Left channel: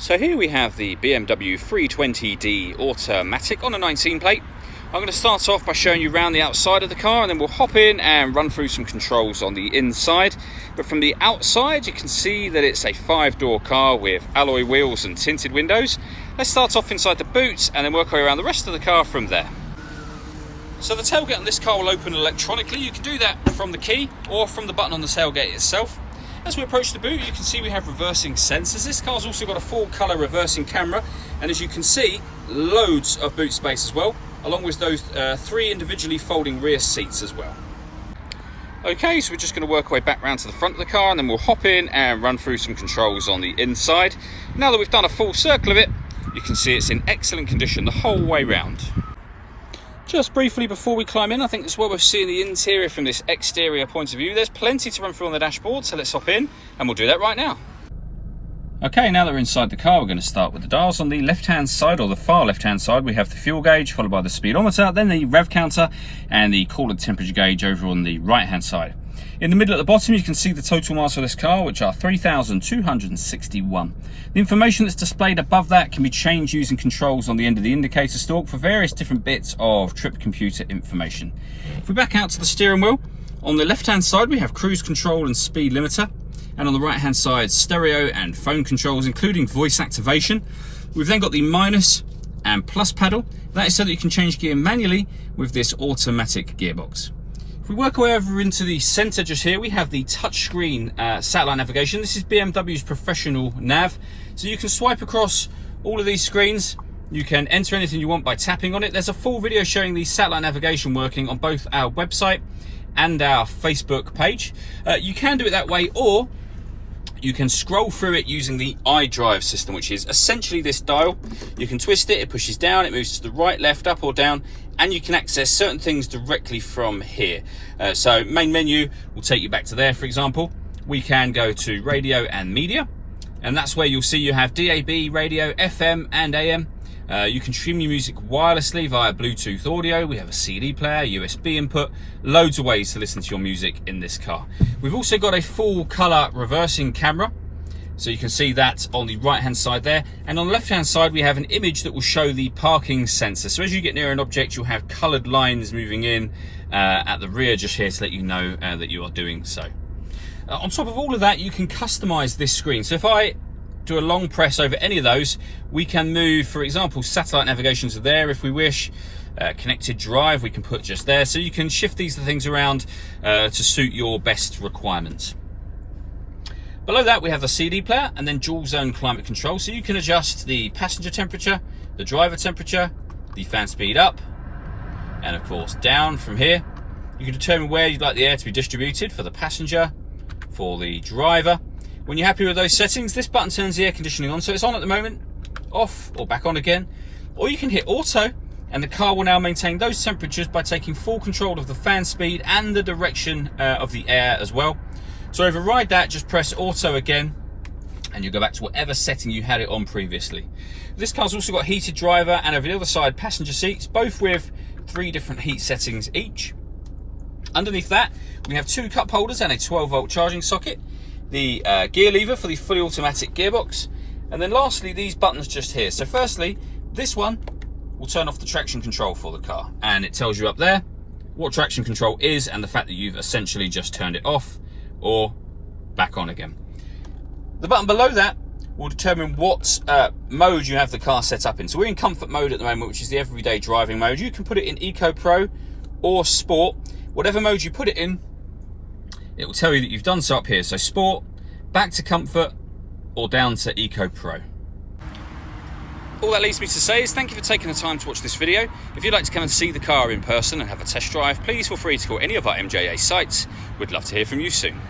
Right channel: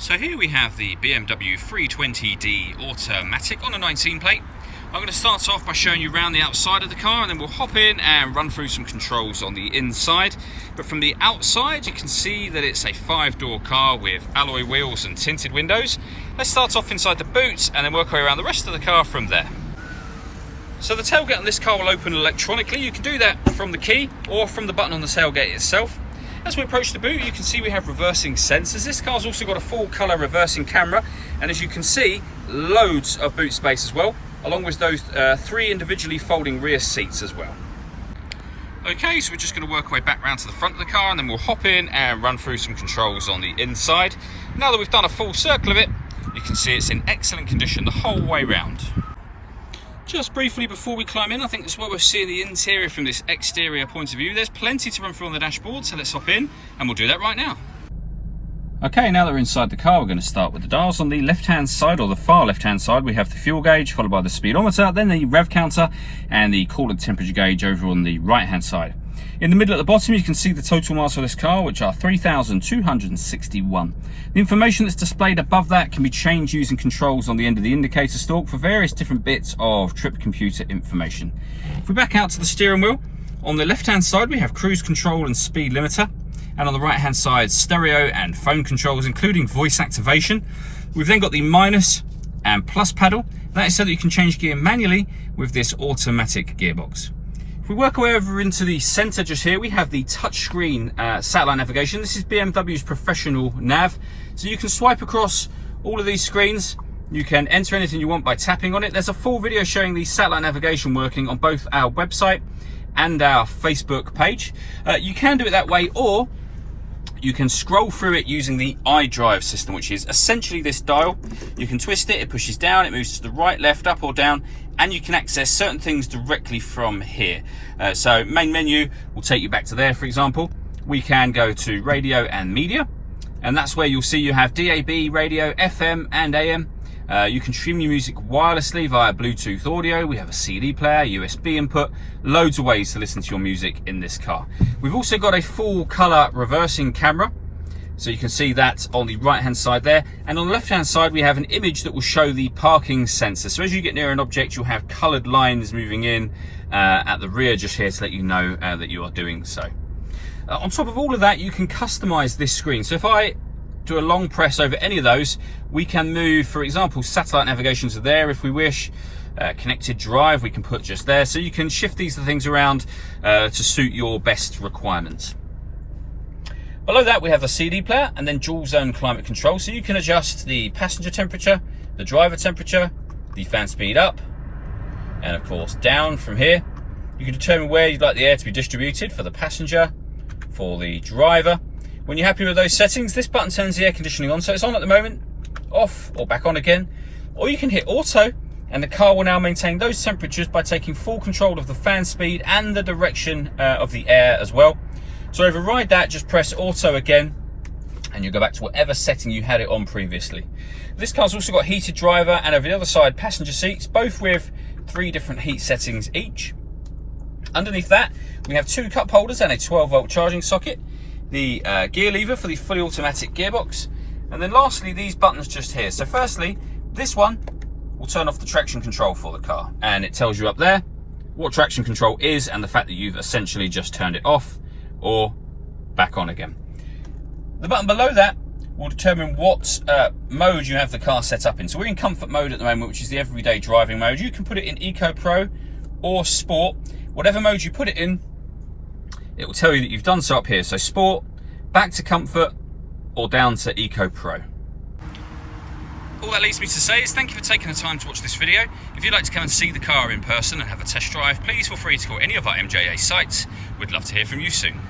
So here we have the BMW 320d automatic on a 19 plate. I'm going to start off by showing you around the outside of the car, and then we'll hop in and run through some controls on the inside. But from the outside you can see that it's a 5-door car with alloy wheels and tinted windows. Let's start off inside the boot and then work our way around the rest of the car from there. So the tailgate on this car will open electronically. You can do that from the key or from the button on the tailgate itself. As we approach the boot, you can see we have reversing sensors. This car's also got a full colour reversing camera, and as you can see, loads of boot space as well, along with those 3 individually folding rear seats as well. Okay, so we're just going to work our way back round to the front of the car, and then we'll hop in and run through some controls on the inside. Now that we've done a full circle of it, you can see it's in excellent condition the whole way round. Just briefly before we climb in, I think this is what we're seeing the interior from this exterior point of view. There's plenty to run through on the dashboard, so let's hop in and we'll do that right now. Okay, now that we're inside the car, we're going to start with the dials. On the left-hand side, or the far left-hand side, we have the fuel gauge, followed by the speedometer, then the rev counter, and the coolant temperature gauge over on the right-hand side. In the middle at the bottom, you can see the total miles for this car, which are 3,261. The information that's displayed above that can be changed using controls on the end of the indicator stalk for various different bits of trip computer information. If we back out to the steering wheel, on the left-hand side, we have cruise control and speed limiter. And on the right-hand side, stereo and phone controls, including voice activation. We've then got the minus and plus paddle. That is so that you can change gear manually with this automatic gearbox. If we work our way over into the center just here, we have the touchscreen satellite navigation. This is BMW's professional nav. So you can swipe across all of these screens. You can enter anything you want by tapping on it. There's a full video showing the satellite navigation working on both our website and our Facebook page. You can do it that way, or you can scroll through it using the Idrive system, which is essentially this dial. You can twist it, it pushes down, it moves to the right, left, up or down, and you can access certain things directly from here. So main menu will take you back to there, for example. We can go to radio and media, and that's where you'll see you have DAB, radio, FM and AM. You can stream your music wirelessly via Bluetooth audio. We have a CD player, USB input, loads of ways to listen to your music in this car. We've also got a full color reversing camera, so you can see that on the right hand side there. And on the left hand side, we have an image that will show the parking sensor. So as you get near an object, you'll have colored lines moving in at the rear just here to let you know that you are doing so. On top of all of that, you can customize this screen. So if I do a long press over any of those, we can move, for example, satellite navigation to there if we wish. Connected drive we can put just there, so you can shift these things around to suit your best requirements. Below that we have the CD player and then dual zone climate control, so you can adjust the passenger temperature, the driver temperature, the fan speed up and of course down. From here you can determine where you'd like the air to be distributed for the passenger, for the driver. When you're happy with those settings, this button turns the air conditioning on, so it's on at the moment, off or back on again. Or you can hit auto and the car will now maintain those temperatures by taking full control of the fan speed and the direction of the air as well. To override that, just press auto again and you'll go back to whatever setting you had it on previously. This car's also got heated driver and over the other side passenger seats, both with 3 different heat settings each. Underneath that we have 2 cup holders and a 12-volt charging socket, the gear lever for the fully automatic gearbox, and then lastly these buttons just here. So firstly, this one will turn off the traction control for the car, and it tells you up there what traction control is and the fact that you've essentially just turned it off or back on again. The button below that will determine what mode you have the car set up in. So we're in comfort mode at the moment, which is the everyday driving mode. You can put it in Eco Pro or Sport. Whatever mode you put it in, it will tell you that you've done so up here. So Sport, back to Comfort, or down to Eco Pro. All that leaves me to say is thank you for taking the time to watch this video. If you'd like to come and see the car in person and have a test drive, please feel free to call any of our MJA sites. We'd love to hear from you soon.